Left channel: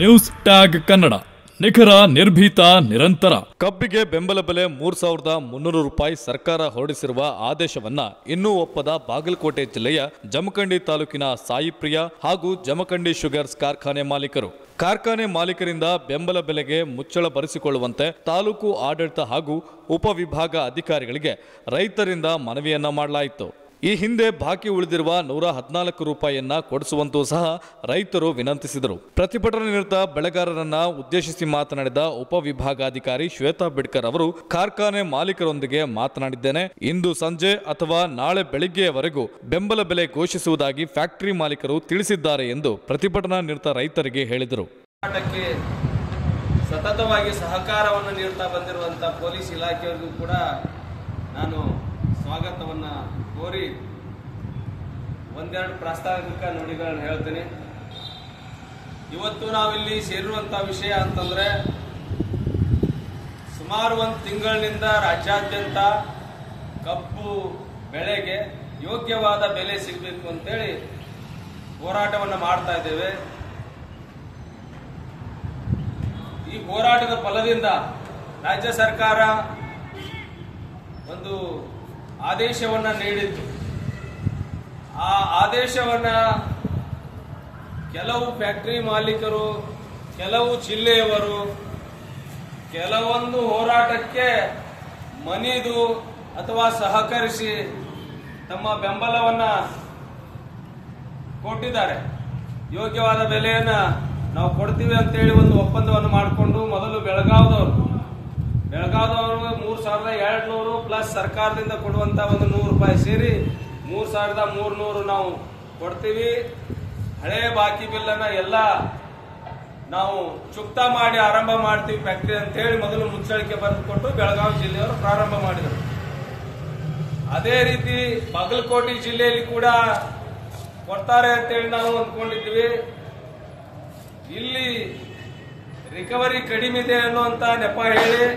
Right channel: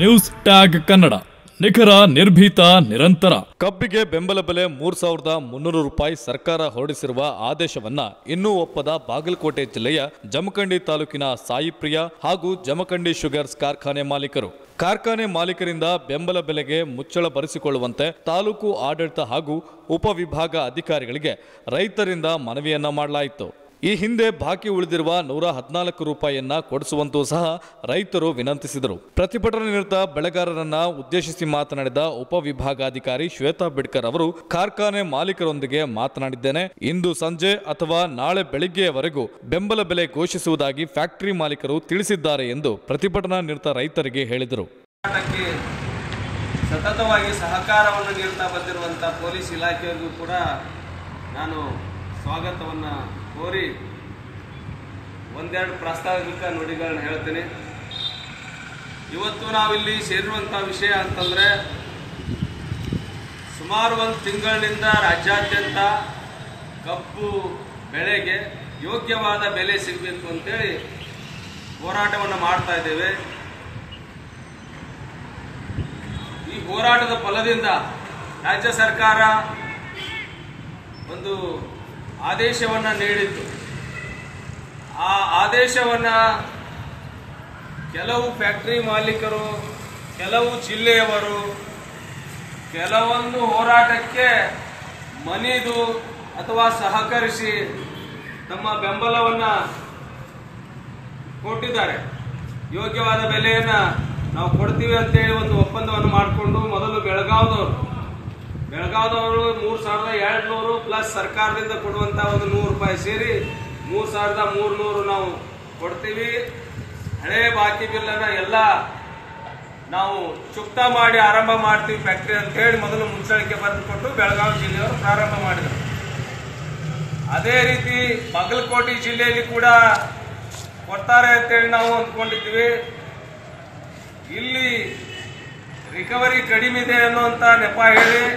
News tag Kannada, ನಿಖರ, ನಿರ್ಭೀತ, ನಿರಂತರ. ಕಬ್ಬಿಗೆ ಬೆಂಬಲ ಬೆಲೆ 3,300 ರೂಪಾಯಿ ಸರ್ಕಾರ ಹೊರಡಿಸಿರುವ ಆದೇಶವನ್ನ ಇನ್ನೂ ಒಪ್ಪದ ಬಾಗಲಕೋಟೆ ಜಿಲ್ಲೆಯ ಜಮಖಂಡಿ ತಾಲೂಕಿನ ಸಾಯಿಪ್ರಿಯ ಹಾಗೂ ಜಮಖಂಡಿ ಶುಗರ್ಸ್ ಕಾರ್ಖಾನೆ ಮಾಲೀಕರು. ಕಾರ್ಖಾನೆ ಮಾಲೀಕರಿಂದ ಬೆಂಬಲ ಬೆಲೆಗೆ ಮುಚ್ಚಳ ಬರೆಸಿಕೊಳ್ಳುವಂತೆ ತಾಲೂಕು ಆಡಳಿತ ಹಾಗೂ ಉಪವಿಭಾಗ ಅಧಿಕಾರಿಗಳಿಗೆ ರೈತರಿಂದ ಮನವಿಯನ್ನ ಮಾಡಲಾಯಿತು. ಈ ಹಿಂದೆ ಬಾಕಿ ಉಳಿದಿರುವ 114 ರೂಪಾಯಿಯನ್ನ ಕೊಡಿಸುವಂತೂ ಸಹ ರೈತರು ವಿನಂತಿಸಿದರು. ಪ್ರತಿಭಟನೆ ನಿರತ ಬೆಳೆಗಾರರನ್ನ ಉದ್ದೇಶಿಸಿ ಮಾತನಾಡಿದ ಉಪವಿಭಾಗಾಧಿಕಾರಿ ಶ್ವೇತಾ ಬಿಡ್ಕರ್ ಅವರು, ಕಾರ್ಖಾನೆ ಮಾಲೀಕರೊಂದಿಗೆ ಮಾತನಾಡಿದ್ದೇನೆ. ಇಂದು ಸಂಜೆ ಅಥವಾ ನಾಳೆ ಬೆಳಿಗ್ಗೆಯವರೆಗೂ ಬೆಂಬಲ ಬೆಲೆ ಘೋಷಿಸುವುದಾಗಿ ಫ್ಯಾಕ್ಟರಿ ಮಾಲೀಕರು ತಿಳಿಸಿದ್ದಾರೆ ಎಂದು ಪ್ರತಿಭಟನಾ ನಿರತ ರೈತರಿಗೆ ಹೇಳಿದರು. ಸತತವಾಗಿ ಸಹಕಾರವನ್ನು ನೀಡುತ್ತಾ ಬಂದಿರುವಂತಹ ಪೊಲೀಸ್ ಇಲಾಖೆಯವರಿಗೂ ಕೂಡ ನಾನು ಸ್ವಾಗತವನ್ನು ಕೋರಿ ಒಂದೆರಡು ಪ್ರಾಸ್ತಾವಿಕ ನುಡಿಗಳನ್ನ ಹೇಳ್ತೀನಿ. ಇವತ್ತು ನಾವಿಲ್ಲಿ ಸೇರಿರುವಂಥ ವಿಷಯ ಅಂತಂದರೆ, ಸುಮಾರು ಒಂದು ತಿಂಗಳಿನಿಂದ ರಾಜ್ಯಾದ್ಯಂತ ಕಬ್ಬು ಬೆಳೆಗೆ ಯೋಗ್ಯವಾದ ಬೆಲೆ ಸಿಗಬೇಕು ಅಂತೇಳಿ ಹೋರಾಟವನ್ನು ಮಾಡ್ತಾ ಇದ್ದೇವೆ. ಈ ಹೋರಾಟದ ಫಲದಿಂದ ರಾಜ್ಯ ಸರ್ಕಾರ ಒಂದು ಆದೇಶವನ್ನು ನೀಡಿತ್ತು. ಆ ಆದೇಶವನ್ನು ಕೆಲವು ಫ್ಯಾಕ್ಟರಿ ಮಾಲೀಕರು, ಕೆಲವು ಜಿಲ್ಲೆಯವರು ಕೆಲವೊಂದು ಹೋರಾಟಕ್ಕೆ ಮಣಿದು ಅಥವಾ ಸಹಕರಿಸಿ ತಮ್ಮ ಬೆಂಬಲವನ್ನು ಕೊಟ್ಟಿದ್ದಾರೆ. ಯೋಗ್ಯವಾದ ಬೆಲೆಯನ್ನು ನಾವು ಕೊಡ್ತೀವಿ ಅಂತೇಳಿ ಒಂದು ಒಪ್ಪಂದವನ್ನು ಮಾಡಿಕೊಂಡು ಮೊದಲು ಬೆಳಗಾವದವರು 3,200 ಪ್ಲಸ್ ಸರ್ಕಾರದಿಂದ ಕೊಡುವಂತ ಒಂದು 100 ರೂಪಾಯಿ ಸೇರಿ 3,300 ನಾವು ಕೊಡ್ತೀವಿ. ಹಳೆ ಬಾಕಿ ಬಿಲ್ಲನ್ನ ಎಲ್ಲ ನಾವು ಚುಕ್ತಾ ಮಾಡಿ ಆರಂಭ ಮಾಡ್ತೀವಿ ಫ್ಯಾಕ್ಟರಿ ಅಂತ ಹೇಳಿ ಮೊದಲು ಮುಚ್ಚಳಿಕೆ ಬರೆದುಕೊಟ್ಟು ಬೆಳಗಾವಿ ಜಿಲ್ಲೆಯವರು ಪ್ರಾರಂಭ ಮಾಡಿದರು. ಅದೇ ರೀತಿ ಬಾಗಲಕೋಟೆ ಜಿಲ್ಲೆಯಲ್ಲಿ ಕೂಡ ಕೊಡ್ತಾರೆ ಅಂತೇಳಿ ನಾವು ಅಂದ್ಕೊಂಡಿದ್ವಿ. ಇಲ್ಲಿ ರಿಕವರಿ ಕಡಿಮೆ ಇದೆ ಅನ್ನುವಂತ ನೆಪ ಹೇಳಿ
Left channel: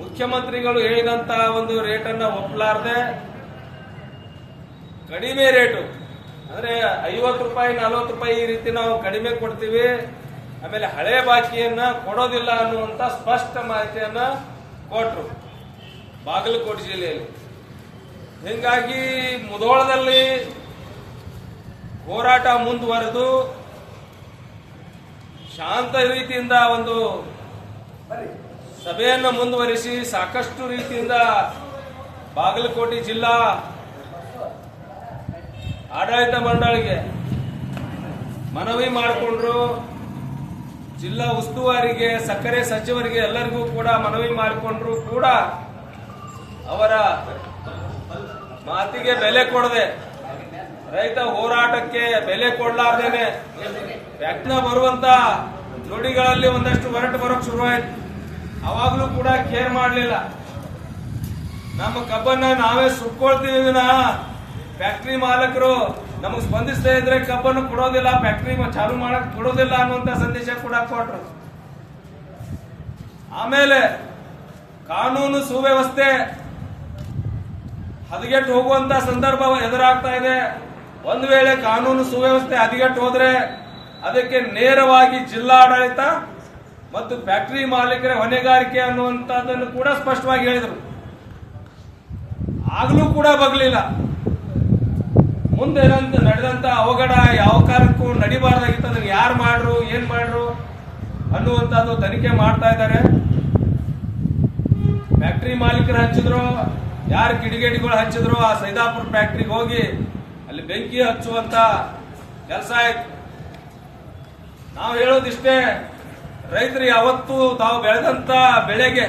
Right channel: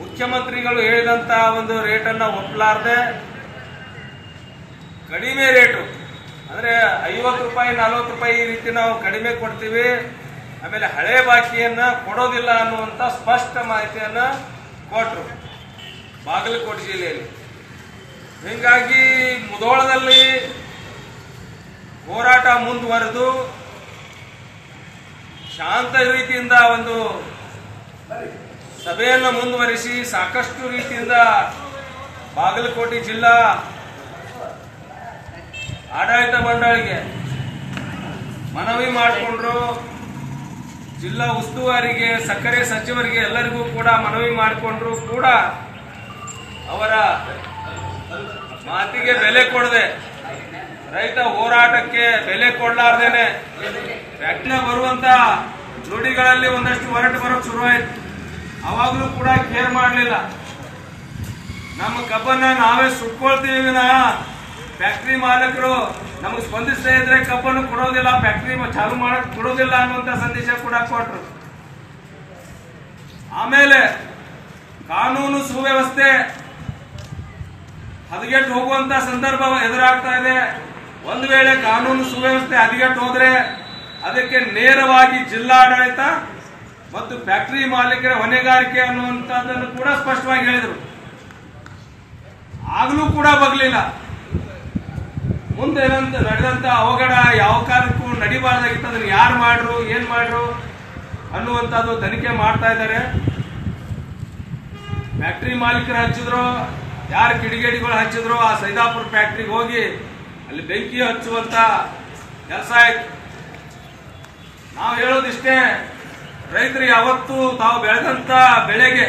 ಮುಖ್ಯಮಂತ್ರಿಗಳು ಹೇಳಿದಂತ ಒಂದು ರೇಟನ್ನ ಒಪ್ಪಲಾರದೆ ಕಡಿಮೆ ರೇಟು ಅಂದ್ರೆ 50 ರೂಪಾಯಿ 40 ರೂಪಾಯಿ ಈ ರೀತಿ ನಾವು ಕಡಿಮೆ ಕೊಡ್ತೀವಿ, ಆಮೇಲೆ ಹಳೆ ಬಾಕಿಯನ್ನ ಕೊಡೋದಿಲ್ಲ ಅನ್ನುವಂತ ಸ್ಪಷ್ಟ ಮಾಹಿತಿಯನ್ನ ಕೊಟ್ಟರು ಬಾಗಲಕೋಟೆ ಜಿಲ್ಲೆಯಲ್ಲಿ. ಹೀಗಾಗಿ ಮುಧೋಳದಲ್ಲಿ ಹೋರಾಟ ಮುಂದುವರೆದು ಶಾಂತ ರೀತಿಯಿಂದ ಒಂದು ಸಭೆಯನ್ನು ಮುಂದುವರಿಸಿ ಸಾಕಷ್ಟು ರೀತಿಯಿಂದ ಬಾಗಲಕೋಟೆ ಜಿಲ್ಲಾ ಆಡಳಿತ ಮಂಡಳಿಗೆ ಮನವಿ ಮಾಡಿಕೊಂಡ್ರು. ಜಿಲ್ಲಾ ಉಸ್ತುವಾರಿಗೆ, ಸಕ್ಕರೆ ಸಚಿವರಿಗೆ ಎಲ್ಲರಿಗೂ ಕೂಡ ಮನವಿ ಮಾಡಿಕೊಂಡ್ರು. ಕೂಡ ಅವರ ಮಾತಿಗೆ ಬೆಲೆ ಕೊಡದೆ, ರೈತ ಹೋರಾಟಕ್ಕೆ ಬೆಲೆ ಕೊಡಲಾರ್ದೇನೆ ಫ್ಯಾಕ್ಟರಿನ ಬರುವಂತ ನುಡಿಗಳಲ್ಲಿ ಒಂದಷ್ಟು ಹೊರಟು ಬರೋಕ್ ಶುರುವಾಯ್ತು. ಅವಾಗ್ಲೂ ಕೂಡ ಕೇರ್ ಮಾಡಲಿಲ್ಲ. ನಮ್ಮ ಕಬ್ಬನ್ನ ನಾವೇ ಸುಟ್ಕೊಳ್ತೀವಿ ವಿನಃ ಫ್ಯಾಕ್ಟರಿ ಮಾಲೀಕರು ನಮಗೆ ಸ್ಪಂದಿಸದೇ ಇದ್ರೆ ಕಬ್ಬನ್ನು ಕೊಡೋದಿಲ್ಲ, ಫ್ಯಾಕ್ಟರಿ ಚಾಲು ಮಾಡಕ್ ಕೊಡೋದಿಲ್ಲ ಅನ್ನುವಂತ ಸಂದೇಶ ಕೂಡ ಕೊಟ್ರು. ಆಮೇಲೆ ಕಾನೂನು ಸುವ್ಯವಸ್ಥೆ ಹದಗೆಟ್ಟು ಹೋಗುವಂತ ಸಂದರ್ಭ ಎದುರಾಗ್ತಾ ಇದೆ. ಒಂದು ವೇಳೆ ಕಾನೂನು ಸುವ್ಯವಸ್ಥೆ ಹದಗೆಟ್ಟು ಹೋದ್ರೆ ಅದಕ್ಕೆ ನೇರವಾಗಿ ಜಿಲ್ಲಾಡಳಿತ ಮತ್ತು ಫ್ಯಾಕ್ಟರಿ ಮಾಲೀಕರ ಹೊಣೆಗಾರಿಕೆ ಅನ್ನುವಂಥದ್ದನ್ನು ಕೂಡ ಸ್ಪಷ್ಟವಾಗಿ ಹೇಳಿದರು. ಆಗ್ಲೂ ಕೂಡ ಬಗ್ಲಿಲ್ಲ. ಮುಂದೆ ನಡೆದಂತ ಅವಘಡ ಯಾವ ಕಾಲಕ್ಕೂ ನಡಿಬಾರ್ದಾಗಿತ್ತು. ಅದನ್ನು ಯಾರು ಮಾಡ್ರು, ಏನ್ ಮಾಡ್ರು ಅನ್ನುವಂಥದ್ದು ತನಿಖೆ ಮಾಡ್ತಾ ಇದ್ದಾರೆ. ಫ್ಯಾಕ್ಟರಿ ಮಾಲೀಕರು ಹಚ್ಚಿದ್ರು, ಯಾರು ಕಿಡಿಗೇಡಿಗಳು ಹಚ್ಚಿದ್ರು ಆ ಸೈದಾಪುರ ಫ್ಯಾಕ್ಟರಿಗೆ ಹೋಗಿ ಅಲ್ಲಿ ಬೆಂಕಿ ಹಚ್ಚುವಂತ ಕೆಲಸ ಆಯ್ತು. ನಾವು ಹೇಳೋದಿಷ್ಟೇ, ರೈತರು ಯಾವತ್ತೂ ತಾವು ಬೆಳೆದಂತ ಬೆಳೆಗೆ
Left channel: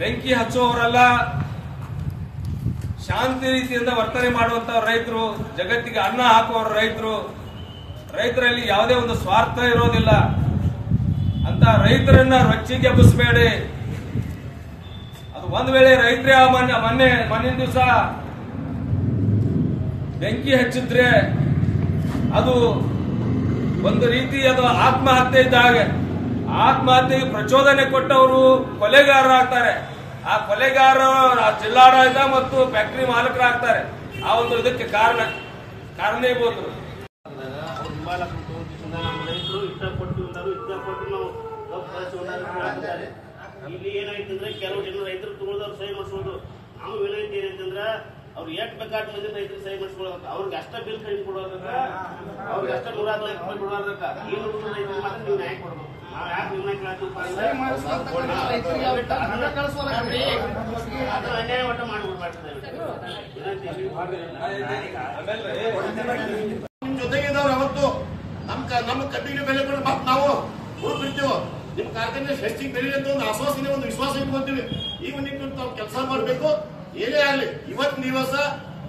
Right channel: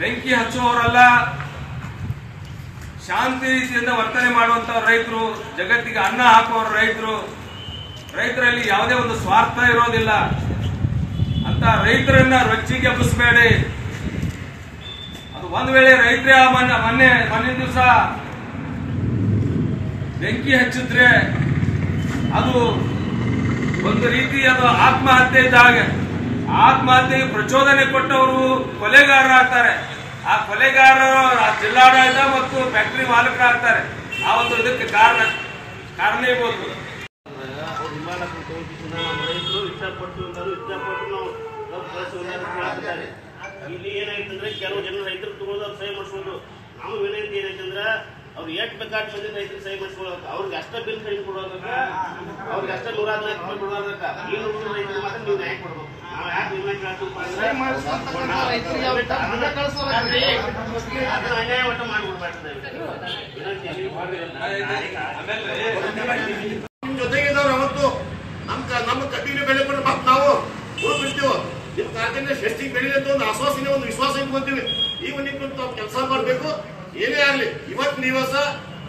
ಬೆಂಕಿ ಹಚ್ಚುವವರಲ್ಲ, ಶಾಂತಿ ರೀತಿಯಿಂದ ವರ್ತನೆ ಮಾಡುವಂತ ರೈತರು, ಜಗತ್ತಿಗೆ ಅನ್ನ ಹಾಕುವವರು ರೈತರು. ರೈತರಲ್ಲಿ ಯಾವುದೇ ಒಂದು ಸ್ವಾರ್ಥ ಇರೋದಿಲ್ಲ. ಅಂತ ರೈತರನ್ನ ರೊಚ್ಚಿಗೆ ಎಬ್ಬಿಸಬೇಡಿ. ಅದು ಒಂದು ವೇಳೆ ರೈತರೇ ಮೊನ್ನೆ ದಿವಸ ಬೆಂಕಿ ಹಚ್ಚಿದ್ರೆ ಅದು ಒಂದು ರೀತಿ ಅದು ಆತ್ಮಹತ್ಯೆ ಇದ್ದಾಗ, ಆತ್ಮಹತ್ಯೆಗೆ ಪ್ರಚೋದನೆ ಕೊಟ್ಟವರು ಕೊಲೆಗಾರರಾಗ್ತಾರೆ. ಆ ಕೊಲೆಗಾರರು ಜಿಲ್ಲಾಡಳಿತ ಮತ್ತು ಫ್ಯಾಕ್ಟರಿ ಮಾಲೀಕರಾಗ್ತಾರೆ. ಆ ಒಂದು ಇದಕ್ಕೆ ಕಾರಣೀಭೂತರು. ಕೊಡ್ತೀವಿ ಇಷ್ಟಪಟ್ಟು ನಾವು ಹಾಕಿದ್ದಾರೆ. ಇಲ್ಲಿ ಏನಾಯ್ತಂದ್ರೆ ಕೆಲವು ಜನ ರೈತರು ತಗೊಳ್ಳೋದು ಸಹಿ ಮಾಡಿಸ್ಬೋದು. ನಾವು ವಿನಂತಿ ಏನಂತಂದ್ರೆ ಅವ್ರು ಎಷ್ಟು ಬೇಕಾದ ಬಂದಿದ್ದು ರೈತರು ಸಹಿ ಮಾಡಿಸ್ಕೊಳ್ಬೇಕು. ಅವ್ರಿಗೆ ಅಷ್ಟ ಬಿಲ್ ಕಡಿಮೆ ಕೊಡೋದಕ್ಕ, ಅವ್ರಿಗೆ ಅಷ್ಟ 140 ಕೊಡೋದಕ್ಕ, ಏನು ಹುಡುಗರು ರೈತರಿಗೆ ಮಾತ್ರ ನೀವು ನ್ಯಾಯ ಕೊಡ್ಬೇಕು. ನಾವು ಯಾಕೆ ವಿಮೆ ಕೇಳ್ತೀವಿ ಅದನ್ನ ಅನ್ಯಾಯ ಒಟ್ಟ ಮಾಡ್ಬಿಡ್ಬಾರ್ದು. ನಿಮ್ ಜೊತೆಗಿದ್ದವ್ರು ಅವತ್ತು ನಮ್ಮ ಕಬ್ಬಿನ ಬೆಲೆ ಕೂಡ ಮತ್ತೆ ನಾವು ಬಿಡ್ತೀವಿ. ನಿಮ್ ಕಾರ್ಖಾನೆ ಹೆಚ್ಚಿಗೆ ಬೆಳೆದ ಒಂದು ಆಶ್ವಾಸನೆ, ಒಂದು ವಿಶ್ವಾಸ ಇಟ್ಕೊಂತೀವಿ. ಈಗ ನೀವು ತಾವು ಕೆಲಸ ಮಾಡಬೇಕು. ಏನೇ ಆಗಲಿ ಇವತ್ತು ದಿವಸ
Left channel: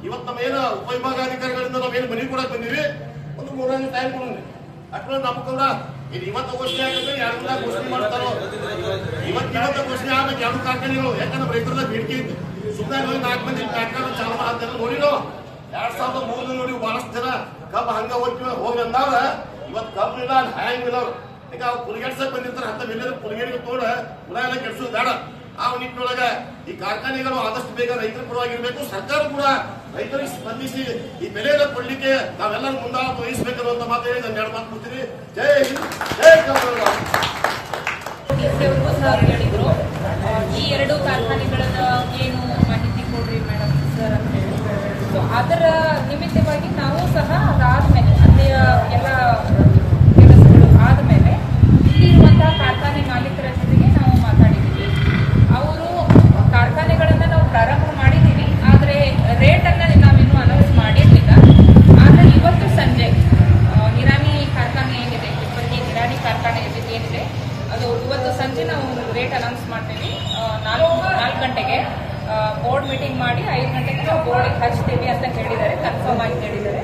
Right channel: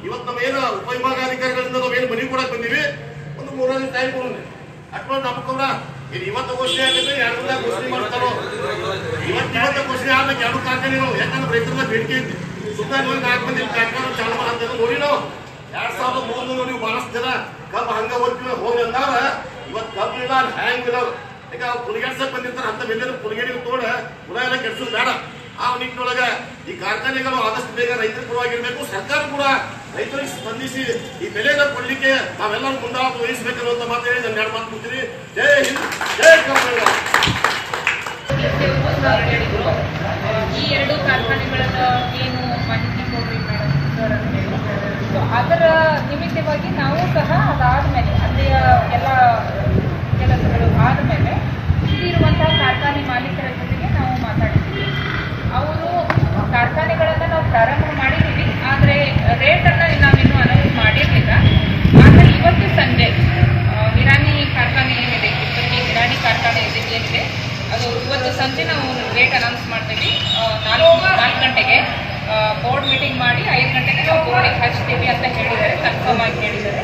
ಇವತ್ತು ನಮ್ಮ ಏನು ಉಪವಿಭಾಗಾಧಿಕಾರಿಗಳಿಂದ ನಾವೇನು ಮನೆ ಕೊಡಕ್ ಬಂದಿವಿ, ಒಂದು 3 ದಿನ ಟೈಮ್ ಕೊಡೋಣ. ಅಟ್ಕೊಂಡು ನಮ್ಕೊಂಡ್ರ ಇದು ಇವತ್ತು ಘೋಷಣೆ ಆಗುತ್ತೆ, 2 ದಿನ ಘೋಷಣೆ ಮಾಡ್ತಾರೋ. ಇವತ್ತು ಘೋಷಣೆ ಆಗ್ಬೇಕು 2 ಕಾರ್ಖಾನೆಗಳು. ಯಾಕಂದ್ರೆ ರೈತರದ ಬೇಡಿಕೆ ಐತಿ. ಸುಮ್ಮನೆ 4 ಮಂದಿ ಕಾರ್ಖಾನೆ ಚಾಲು ಅಂತ ನೋಡಿ ನಾವು 2003 ನೋಡಿ ಬಹಳಷ್ಟು ಜನ ಕಬ್ಬು ಹಂಗ ಹೋಗಿ ಅಂದಾಗ ಇವತ್ತು ಕಬ್ಬು ಇಲ್ಲ, ಹ್ಯಾಂಗ್ ಇಲ್ಲ. ಈಗ ಪುಲಿಗೆಡ್ಸಕ್ ಬಂದಿರ್ತಾರೆ, ಅಂತ ಬೆಲೆ ಪುಲಿಗೆಡಿ ತೋಡ ಹುಳ ಎಲ್ಲ ಕೆಡ್ಸೋದು ಬೇಡ. ಆ ನಿಟ್ಟಿನೊಳಗ ಈ ಕಾರ್ಖಾನೆಗಳು ಆದಷ್ಟು ಬೇಗ ರೈತರ ಪರವಾಗಿರ್ಬೇಕು. ಸರ್ಕಾರ ಕೂಡ ರೈತರಿಗೆ ಸ್ಪಂದಿಸಿ ಈ ಬೆಲೆನ ಕೊಡ್ಲಿಕ್ಕೆ ನಾವೆಲ್ಲರೂ ಮುಂದಾಳತ್ವ ವಹಿಸಬೇಕನ್ನುವಂತ ಮಾತು ಹೇಳಿ ನಾನು 2 ಮಾತು ಮುಗ್ತೀನಿ. ಜೈ ಹಿಂದ್, ಜೈ ಕರ್ನಾಟಕ. ಈ 2 ಕಾರ್ಖಾನೆಗಳ ಏನು ಮಾಹಿತಿ ಕೊಡ್ರಿ ಮೇಡಮ್ ಸರ್ ಅಂತ ಹೇಳಿ. ಸೊ ಅದರ ನಿಮಿತ್ತವಾಗಿ ನಾವು ಸಹ ಅದಾದ್ಮೇಲೆ ಅಲ್ಲಿಯ ಎಲ್ಲ ಕೆಲಸಗಳು ಆದಮೇಲೆ ಇಲ್ಲಿರುವಂತಹ ಕಾರ್ಖಾನೆ ಮಾಲೀಕರ ಜೊತೆಗೆ ನಾವು ಮಾತಾಡಿದ್ದೀವಿ. ಅವರು ಕಾರ್ಖಾನೆಗಳನ್ನು ನಾವು ಪ್ರಾರಂಭ ಮಾಡಿದ್ದೀವಿ, ಆದರೆ ರೇಟನ್ನು ನಾವಿನ್ನೂ ಅನೌನ್ಸ್ ಮಾಡಿರಲಿಲ್ಲ. ಆದರೆ ಇವತ್ತು ಸಂಜೆ ನಿರಾಣಿ ಕಾರ್ಖಾನೆ ಏನಿದೆ, ನಿರಾಣಿ ಕಾರ್ಖಾನೆ ಏನಿದೆ ಅದು ಇವತ್ತು ಸಂಜೆ ನಾವು ರೇಟ್ ಅನೌನ್ಸ್ ಮಾಡ್ತೀವಿ. 4 ಗಂಟೆಗೆ ಬೋರ್ಡ್ ಮೀಟಿಂಗ್ ಮಾಡಿ 5 ಗಂಟೆಗೆ ನಾವು ಬೋರ್ಡಿಗೆ ಹಚ್ತೀವಿ ಅಂತ ಹೇಳಿದ್ದಾರೆ, ಕನ್ಫರ್ಮ್ ಆಗಿ ಹೇಳಿದ್ದಾರೆ.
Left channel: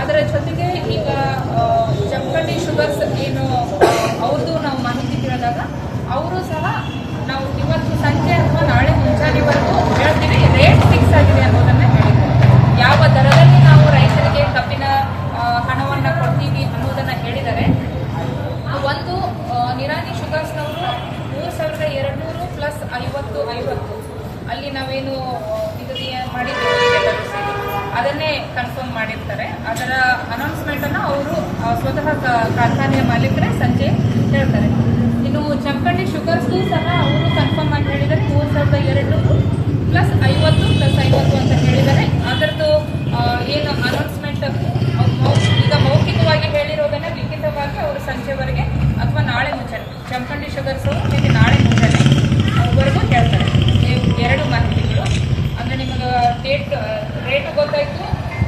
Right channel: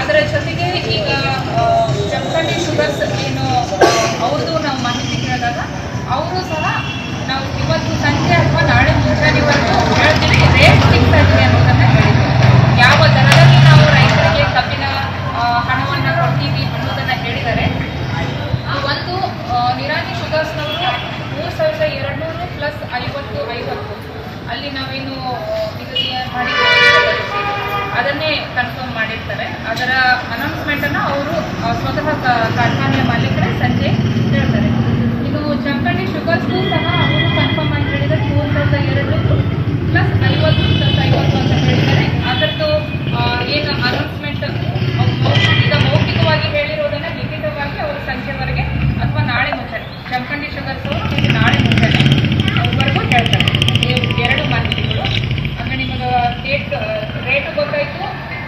ಅದರ ಜೊತೆಗೆ ಈಗ ಜಮಖಂಡಿ ಶುಗರ್ಸ್ ಏನು ಅವ್ರದ್ದು ನಾವು ಮಾಹಿತಿ ಕೇಳಿದಾಗ ಅವರು ಸಹ ನಾವು ಇವತ್ತು ಸಂಜೆ ಅಥವಾ ನಾಳೆ ಮುಂಜಾನೆವರೆಗೂ ಹೇಳ್ತೀವಿ, ರೇಟ್ ಫಿಕ್ಸ್ ಆಗಿದೆ ಅನ್ನೋದನ್ನು ಹೇಳಿದ್ದಾರೆ. ಯಾವ ದರದಲ್ಲಿ ನಾವು ರೈತರಿಗೆ ಕಬ್ಬಿನ ಹಣವನ್ನು ಕೊಡ್ತೀವಿ ಅನ್ನೋದನ್ನು ಹೇಳಿದ್ದಾರೆ. ಒಂದು ನಿರಾಣಿ ಶುಗರ್ಸ್ನವರು 3200 ಪ್ಲಸ್ 50 ಅಲ್ಲಿ ನಾವೇನು ನಿಗದಿ ಮಾಡಿದ್ದೇವೆ ಅದನ್ನೇ ಕನ್ಫರ್ಮ್ ಮಾಡಿರ್ತಾರೆ. ಅದರ ಅನೌನ್ಸ್ಮೆಂಟನ್ನು ಅವರು ಸ್ವತಃ ಕಾರ್ಖಾನೆಯ ಮಾಲೀಕರೇ ಸಂಜೆ ಹೇಳ್ತಾರೆ. ಇನ್ನು ಜಮಖಂಡಿ ಶುಗರ್ಸ್ಗೂ ಸಹ ಅವರು ಕನ್ಫರ್ಮ್ ಆಗಿ ಹೇಳಿದ್ದಾರೆ 3200 ಪ್ಲಸ್ 50 ಅಂತ ಹೇಳಿದ್ದಾರೆ. ಅದರದ್ದು ಏನು ಅನೌನ್ಸ್ಮೆಂಟ್ ಈಗ ಮೌಖಿಕವಾಗಿ ಹೇಳಿರೋದನ್ನು ಲಿಖಿತವಾಗಿ ಅವರು ಸಂಜೆವರೆಗೆ ಅಥವಾ ನಾಳೆ ಮುಂಜಾನೆ ಜಮಖಂಡಿ ಶುಗರ್ಸ್ ಅವರು ನಾಳೆ ಮುಂಜಾನೆ ವರೆಗೂ ಹೇಳ್ತಾರೆ. 2 ಮಾಹಿತಿಗಳು ಅಂದರೆ ನಿಮಗೆ ರೇಟ್ ಗೊತ್ತಾಯಿತು,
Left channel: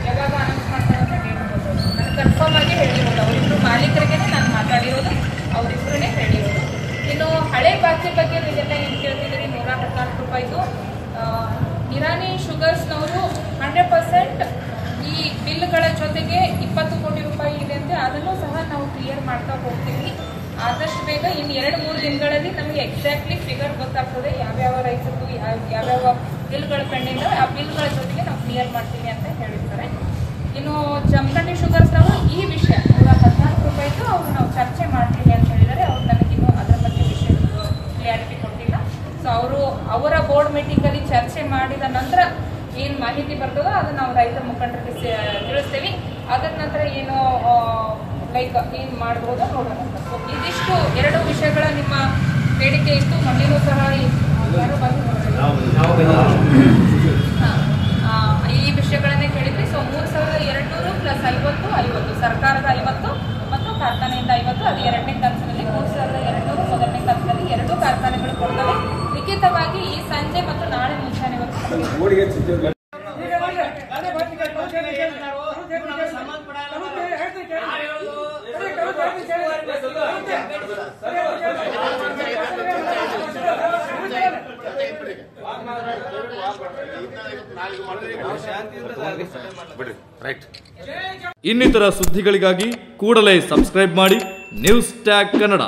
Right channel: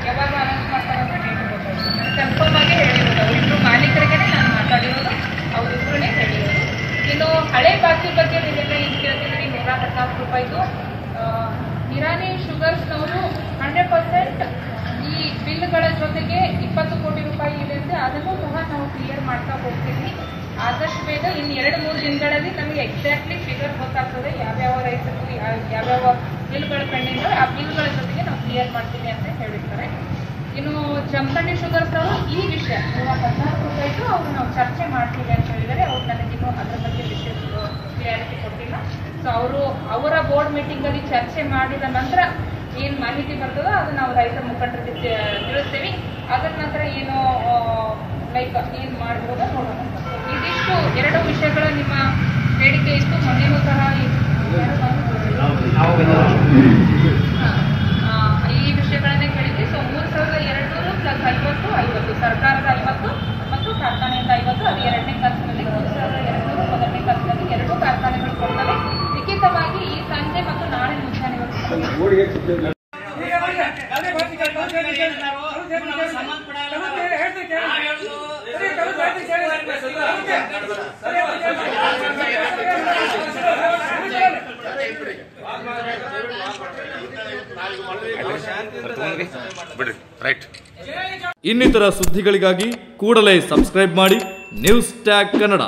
ಯಾವಾಗ ಅನೌನ್ಸ್ ಮಾಡ್ತಾರೆ ಅಂತ ರೇಟ್ ಗೊತ್ತಾಯಿತು. ನಾನು ಕನ್ಫರ್ಮ್ ಆಗಿ ಹೇಳಿರೋದು ಅವರಿಬ್ಬರು ಮಾಲೀಕರಿಗೆ ನಾನು ಮಾತಾಡಿರೋದು, ಅವರಿಬ್ಬರೇ ಹೇಳಿರೋದು. ಇನ್ನು ಹಳೆ ಬಾಕಿ ಬಗ್ಗೆ ನೀವೆಲ್ಲ ಈಗ ಕೇಳ್ತಿದ್ದೀನಿ 114 ರೂಪಾಯಿದು. ನಿರಾಣಿ ಶುಗರ್ಸ್ನವರು 100% ಈ ಬಿಲ್ಗಳ ಜೊತೆಗೆ 20 ಕೋಟಿ ರೂಪಾಯಿ ಇದೆ ಅಂತ ಅದನ್ನು ಸಹ ನಾವು ಕ್ಲಿಯರ್ ಮಾಡ್ತಾ ಹೋಗ್ತೀವಿ. ಆದಷ್ಟು ಬೇಗ ಇನ್ನು 2-3 ದಿನಗಳಲ್ಲಿ ನಮಗೆ ಎಕ್ಸಾಕ್ಟ್ಲಿ ಫಿಗರ್ ಗೊತ್ತಾಗ್ತದೆ, ಯಾವ್ಯಾವ ರೈತರು ಯಾವ್ಯಾವ ಬಿಲ್ಗಳು ಕಂಡಿದ್ದೋ ಆ ಬಿಲ್ಗಳ ಜೊತೆಗೆ ನಾವು ಕ್ಲಿಯರ್ ಮಾಡ್ತೀವಿ ಅಂತ ಹೇಳಿರ್ತಾರೆ. ಇನ್ನು ಜಮಖಂಡಿ ಶುಗರ್ಸ್ನವರು ಈ ವಿಷಯ 114 ರೂಪಾಯಿಗೂ ಅವರು ನಾವು ಚರ್ಚೆ ಮಾಡ್ತೀವಿ ಅಂತ ಹೇಳಿದ್ದಾರೆ. ಅವ್ರು ನನಗಿನ್ನೂ ಅದರ ಬಗ್ಗೆ ವಿಷಯ ಕ್ಲಿಯಾರಿಟಿ ಕೊಟ್ಟಿಲ್ಲ. ಸೊ ಅವರ ಬೋರ್ಡ್ ಮೀಟಿಂಗಲ್ಲಿ ಚರ್ಚೆ ಮಾಡಿದ ನಂತರ ಏನು ಮಾಹಿತಿ ಬರ್ತದೋ ಅದು ನಾವು ರೈತರ ಮುಖಂಡರಿಗೆ ತಿಳಿಸ್ತೀವಿ. ಅದರ ನಂತರ ಏನು ಲೈಕ್ ಏನು ಮಾಡ್ಬೋದೋ ನೋಡೋಣ. ಸೊ ಇದಿಷ್ಟು 2 ವಿಷಯಗಳ ನಿಮ್ಮ ಬೇಡಿಕೆ ಇತ್ತು. ಮೊನ್ನೆಯೂ ಸಹ ಈ ವಿಷಯಗಳನ್ನೇ ಕೇಳಿದ್ವಿ. ಸೊ 3200 ಪ್ಲಸ್ 50 ಸರ್ಕಾರದ 50 ಮತ್ತು ಕಾರ್ಖಾನೆಯಿಂದ 50, ಅದು 2ನೇ ಕಂತಿನಲ್ಲಿ 3200 ಮೊದಲನೇ ಕಂತಿನಲ್ಲಿ 2 ಕಾರ್ಖಾನೆಗಳು ಕೊಡ್ತವೆ. ಲಿಖಿತವಾಗಿ ಈ ಸಂಜೆ ಮತ್ತು ನಾಳೆ ಮುಂಜಾನೆವರೆಗೂ ಇನ್ನಿತರ ಸುದ್ದಿಗಳಿಗಾಗಿ ಕೂಡಲೇ ಸಬ್ಸ್ಕ್ರೈಬ್ ಮಾಡಿ ನ್ಯೂಸ್ ಟ್ಯಾಗ್ ಕನ್ನಡ.